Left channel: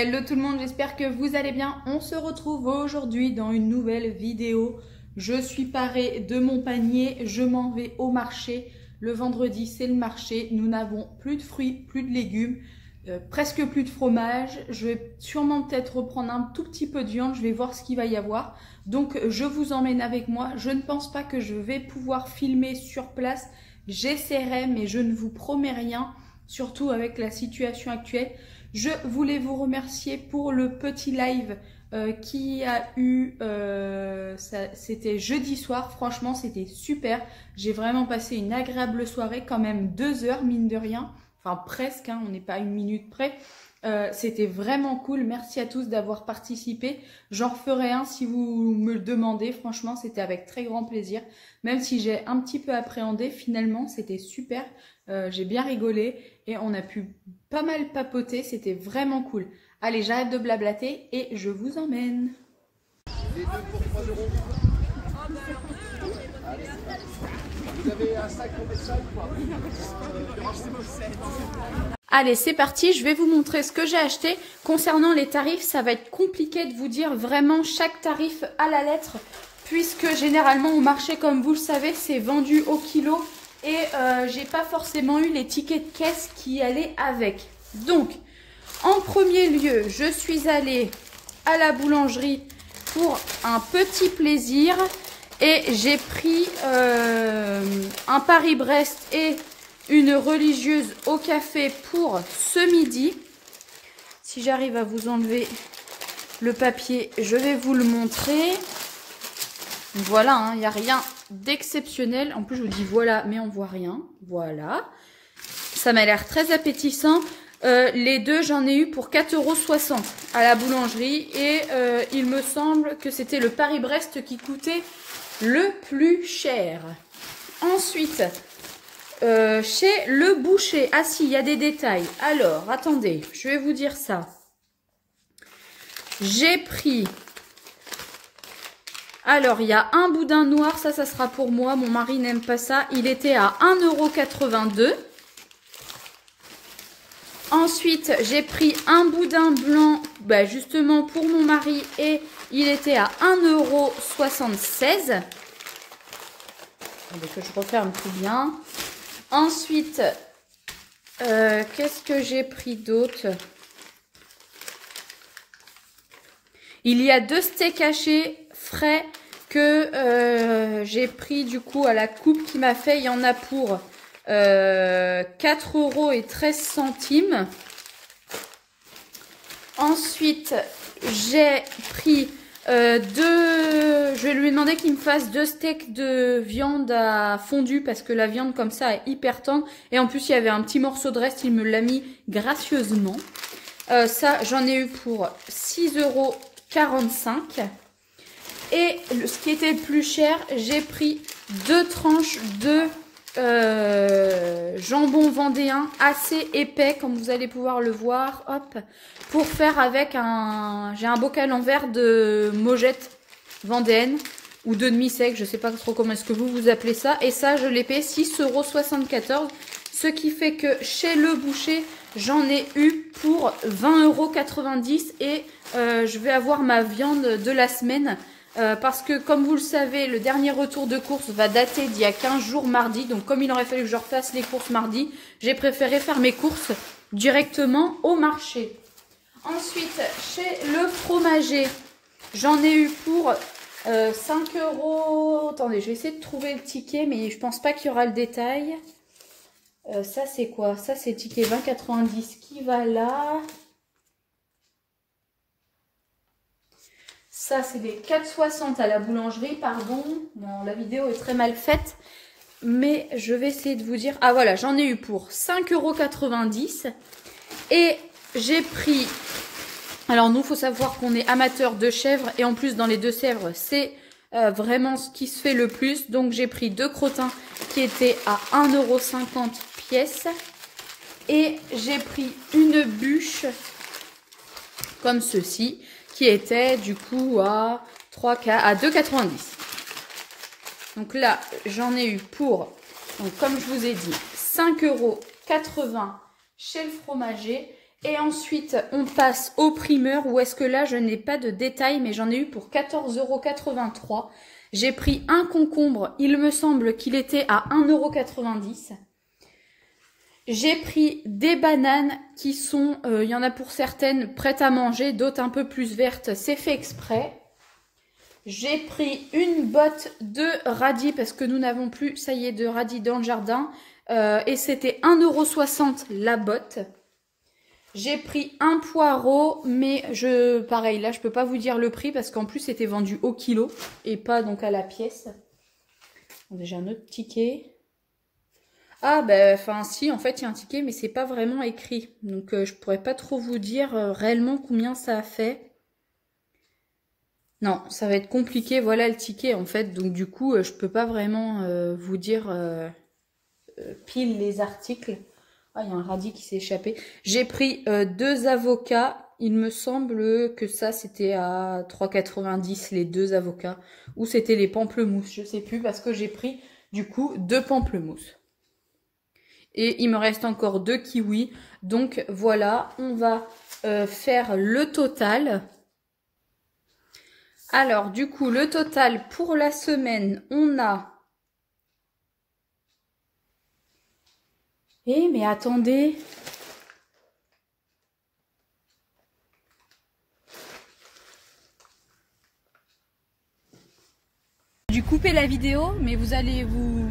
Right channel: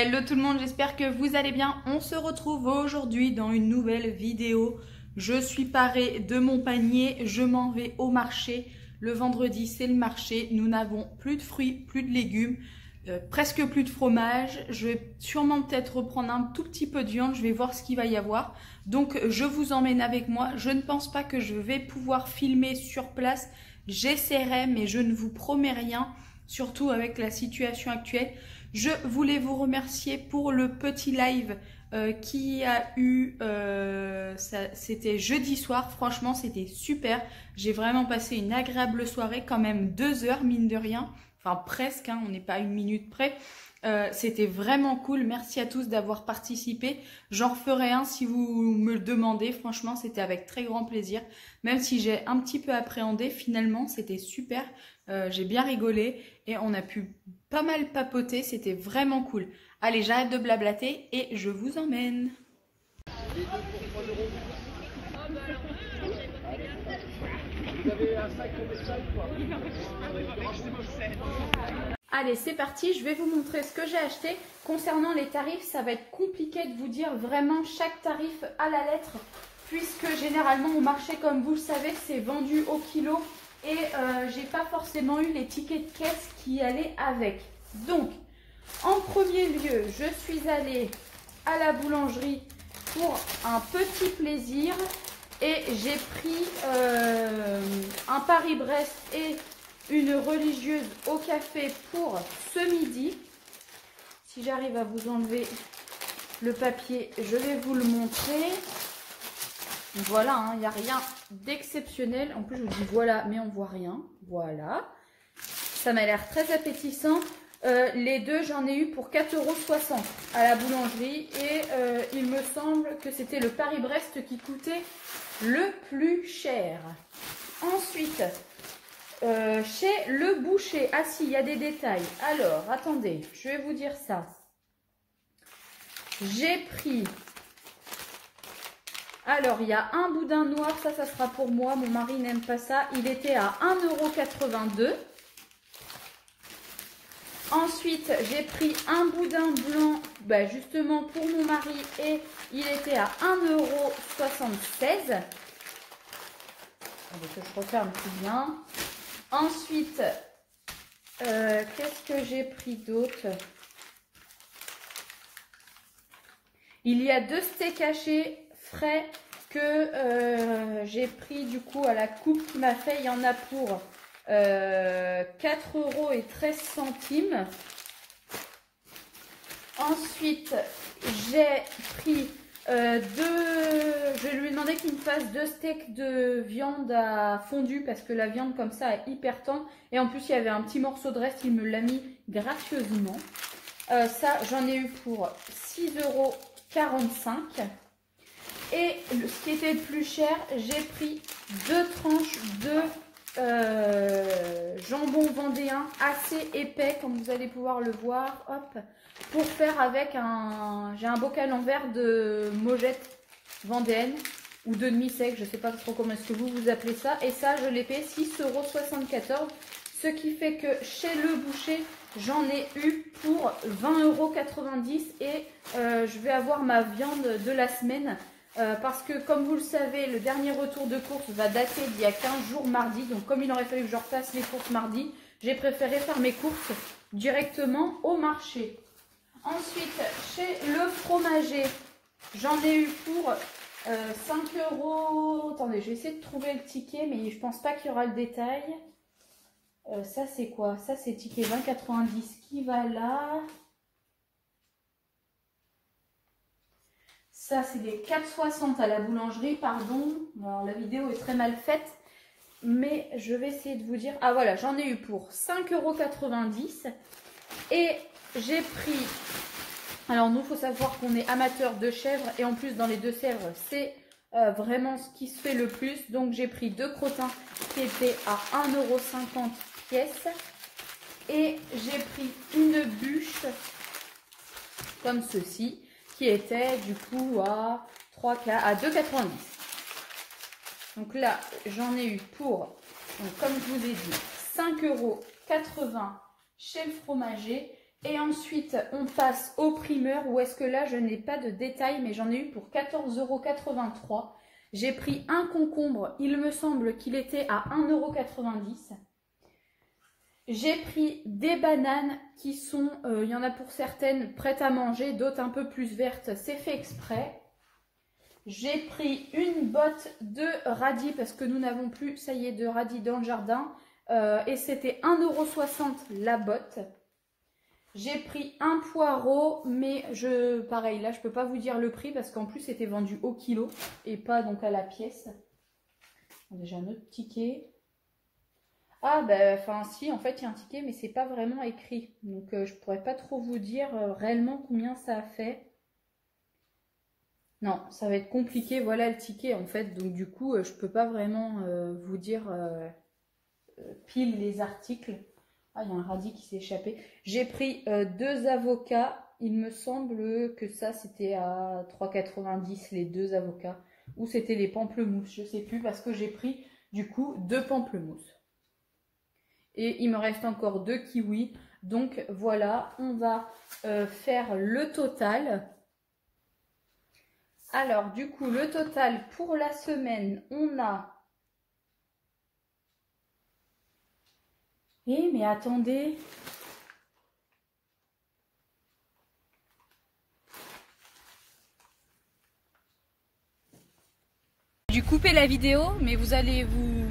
Hello tout le monde, j'espère que vous allez bien. On se retrouve aujourd'hui dans une nouvelle vidéo. Je suis parée de mon panier, je m'en vais au marché. Le vendredi, c'est le marché. Nous n'avons plus de fruits, plus de légumes, presque plus de fromage. Je vais sûrement peut-être reprendre un tout petit peu de viande. Je vais voir ce qu'il va y avoir. Donc, je vous emmène avec moi. Je ne pense pas que je vais pouvoir filmer sur place. J'essaierai, mais je ne vous promets rien, surtout avec la situation actuelle. Je voulais vous remercier pour le petit live qui a eu, c'était jeudi soir. Franchement, c'était super. J'ai vraiment passé une agréable soirée, quand même 2 heures, mine de rien. Enfin, presque, hein, on n'est pas à 1 minute près. C'était vraiment cool. Merci à tous d'avoir participé. J'en referai un si vous me le demandez. Franchement, c'était avec très grand plaisir. Même si j'ai un petit peu appréhendé, finalement, c'était super. J'ai bien rigolé et on a pu pas mal papoter. C'était vraiment cool. Allez, j'arrête de blablater et je vous emmène. Les deux pour 3 euros. Vous avez un sac comme ça ou pas? Allez, c'est parti, je vais vous montrer ce que j'ai acheté. Concernant les tarifs, ça va être compliqué de vous dire vraiment chaque tarif à la lettre, puisque généralement au marché, comme vous le savez, c'est vendu au kilo et j'ai pas forcément eu les tickets de caisse qui allaient avec. Donc, en premier lieu, je suis allée à la boulangerie pour un petit plaisir et j'ai pris un Paris-Brest et une religieuse au café pour ce midi. Si j'arrive à vous enlever le papier, je vais vous le montrer. Voilà, il n'y a rien d'exceptionnel. En plus, je vous dis voilà, mais on voit rien. Voilà. Ça m'a l'air très appétissant. Les deux, j'en ai eu pour 4,60 € à la boulangerie. Et il me semble que c'était le Paris-Brest qui coûtait le plus cher. Ensuite, chez le boucher. Ah si, il y a des détails. Alors, attendez, je vais vous dire ça. J'ai pris... Alors, il y a un boudin noir. Ça sera pour moi. Mon mari n'aime pas ça. Il était à 1,82 €. Ensuite, j'ai pris un boudin blanc, justement pour mon mari, et il était à 1,76 €. Que je referme tout bien. Ensuite, qu'est-ce que j'ai pris d'autre? Il y a 2 steaks hachés frais que j'ai pris du coup à la coupe qui m'a fait. Il y en a pour 4,13 €. Ensuite, j'ai pris je lui ai demandé qu'il me fasse 2 steaks de viande à fondu parce que la viande comme ça est hyper tendre. Et en plus, il y avait un petit morceau de reste, il me l'a mis gracieusement. Ça, j'en ai eu pour 6,45 €. Et ce qui était le plus cher, j'ai pris 2 tranches de jambon vendéen assez épais, comme vous allez pouvoir le voir. Hop, pour faire avec j'ai un bocal en verre de mojettes vendéenne ou de demi-sec, je sais pas trop comment est-ce que vous appelez ça. Et ça, je l'ai payé 6,74 €. Ce qui fait que chez le boucher, j'en ai eu pour 20,90 € et je vais avoir ma viande de la semaine. Parce que comme vous le savez, le dernier retour de course va dater d'il y a 15 jours mardi. Donc comme il aurait fallu que je refasse les courses mardi, j'ai préféré faire mes courses directement au marché. Ensuite, chez le fromager, j'en ai eu pour 5 €. Attendez, je vais essayer de trouver le ticket, mais je pense pas qu'il y aura le détail. Ça c'est quoi? Ça c'est ticket 20,90 € qui va là. Ça, c'est des 4,60 € à la boulangerie, pardon. Bon, la vidéo est très mal faite, mais je vais essayer de vous dire. Ah voilà, j'en ai eu pour 5,90 € et j'ai pris... Alors nous, il faut savoir qu'on est amateur de chèvres et en plus dans les Deux-Sèvres, c'est vraiment ce qui se fait le plus. Donc j'ai pris 2 crottins qui étaient à 1,50 € pièce et j'ai pris une bûche comme ceci, qui était du coup à 2,90 €. Donc là, j'en ai eu pour, donc comme je vous ai dit, 5,80 € chez le fromager. Et ensuite, on passe au primeur, où est-ce que là, je n'ai pas de détails, mais j'en ai eu pour 14,83 €. J'ai pris un concombre, il me semble qu'il était à 1,90 €. J'ai pris des bananes qui sont, il y en a pour certaines prêtes à manger, d'autres un peu plus vertes, c'est fait exprès. J'ai pris une botte de radis parce que nous n'avons plus, ça y est, de radis dans le jardin. Et c'était 1,60 € la botte. J'ai pris un poireau, mais pareil, là je peux pas vous dire le prix parce qu'en plus c'était vendu au kilo et pas donc à la pièce. J'ai un autre ticket. Ah ben, enfin si, en fait il y a un ticket mais c'est pas vraiment écrit. Donc je pourrais pas trop vous dire réellement combien ça a fait. Non, ça va être compliqué, voilà le ticket en fait. Donc du coup, je peux pas vraiment vous dire pile les articles. Ah, il y a un radis qui s'est échappé. J'ai pris 2 avocats. Il me semble que ça, c'était à 3,90 € les 2 avocats. Ou c'était les pamplemousses, je sais plus, parce que j'ai pris du coup 2 pamplemousses. Et il me reste encore 2 kiwis. Donc voilà, on va faire le total. Alors, du coup, le total pour la semaine, on a... Eh, mais attendez. J'ai coupé la vidéo, mais vous allez vous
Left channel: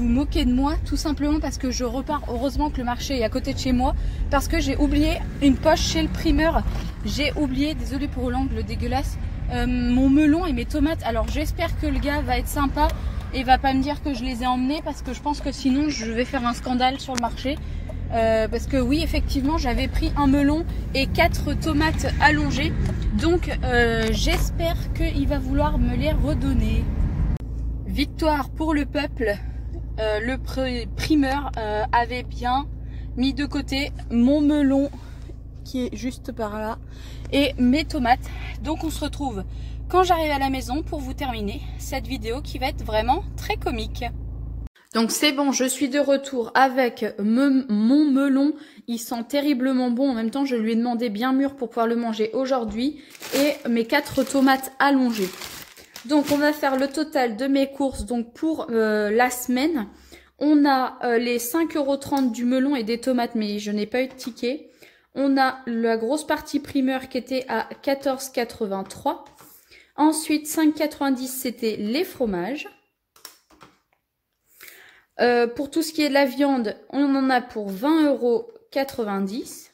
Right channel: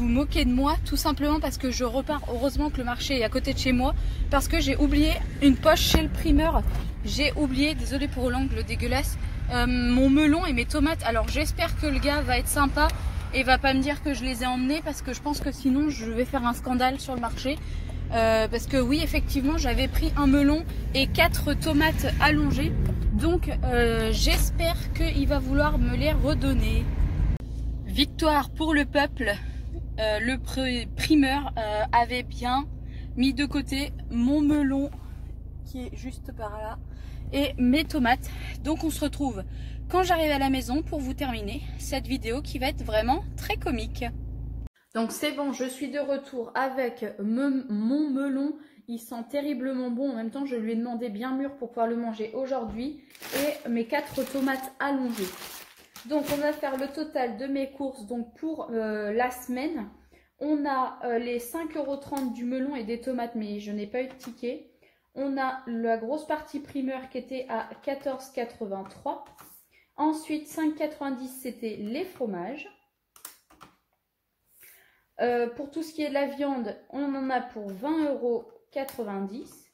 moquer de moi, tout simplement parce que je repars. Heureusement que le marché est à côté de chez moi, parce que j'ai oublié une poche chez le primeur. J'ai oublié, désolé pour l'angle dégueulasse, mon melon et mes tomates. Alors j'espère que le gars va être sympa et va pas me dire que je les ai emmenés, parce que je pense que sinon je vais faire un scandale sur le marché. Parce que oui, effectivement, j'avais pris un melon et 4 tomates allongées. Donc j'espère qu'il va vouloir me les redonner. Victoire pour le peuple. Le primeur avait bien mis de côté mon melon qui est juste par là et mes tomates. Donc on se retrouve quand j'arrive à la maison pour vous terminer cette vidéo qui va être vraiment très comique. Donc c'est bon, je suis de retour avec mon melon. Il sent terriblement bon. En même temps, je lui ai demandé bien mûr pour pouvoir le manger aujourd'hui. Et mes 4 tomates allongées. Donc on va faire le total de mes courses donc pour la semaine. On a les 5,30 € du melon et des tomates, mais je n'ai pas eu de ticket. On a la grosse partie primeur qui était à 14,83 €. Ensuite, 5,90 € c'était les fromages. Pour tout ce qui est de la viande, on en a pour 20,90 €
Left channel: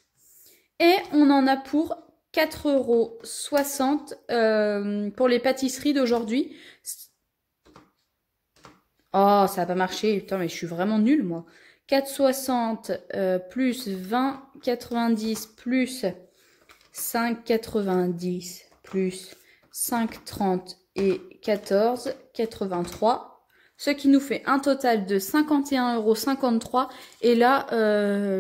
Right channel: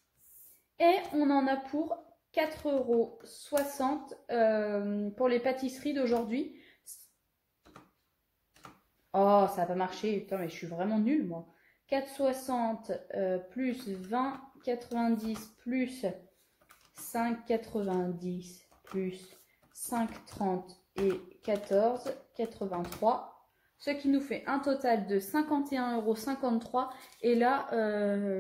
et on en a pour 4,60 € pour les pâtisseries d'aujourd'hui. Oh, ça n'a pas marché. Putain, mais je suis vraiment nulle, moi. 4,60 plus 20,90 plus 5,90 plus 5,30 et 14,83. Ce qui nous fait un total de 51,53 €. Et là,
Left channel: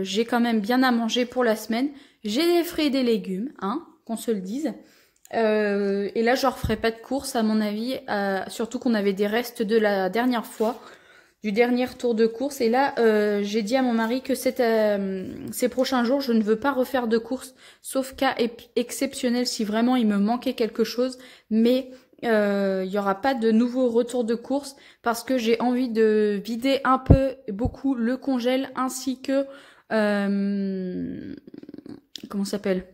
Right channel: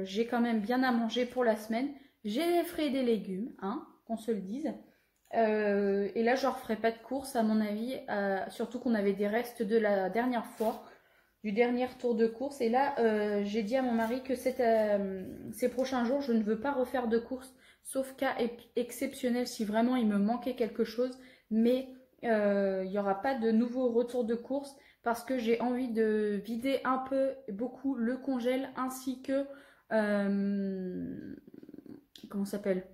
j'ai quand même bien à manger pour la semaine. J'ai des fruits et des légumes, hein, qu'on se le dise. Et là, je ne referai pas de courses, à mon avis. Surtout qu'on avait des restes de la dernière fois, du dernier tour de course. Et là, j'ai dit à mon mari que ces prochains jours, je ne veux pas refaire de courses, sauf cas exceptionnel si vraiment il me manquait quelque chose. Mais il n'y aura pas de nouveau retour de course parce que j'ai envie de vider un peu, beaucoup le congèle ainsi que... comment ça s'appelle ?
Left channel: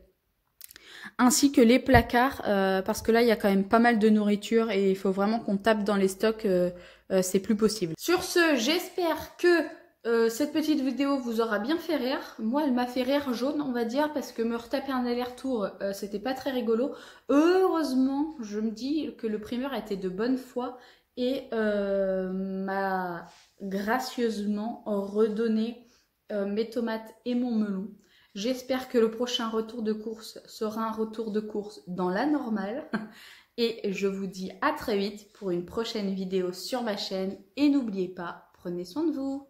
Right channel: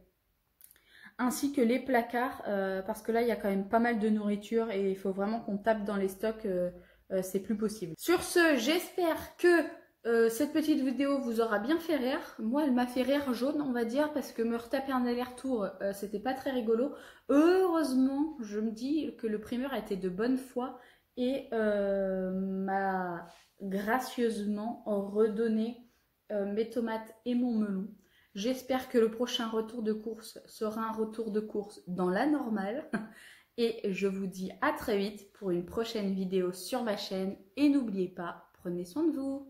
Ainsi que les placards, parce que là, il y a quand même pas mal de nourriture et il faut vraiment qu'on tape dans les stocks, c'est plus possible. Sur ce, j'espère que cette petite vidéo vous aura bien fait rire. Moi, elle m'a fait rire jaune, on va dire, parce que me retaper un aller-retour, c'était pas très rigolo. Heureusement, je me dis que le primeur a été de bonne foi et m'a gracieusement redonné mes tomates et mon melon. J'espère que le prochain retour de course sera un retour de course dans la normale. Et je vous dis à très vite pour une prochaine vidéo sur ma chaîne. Et n'oubliez pas, prenez soin de vous.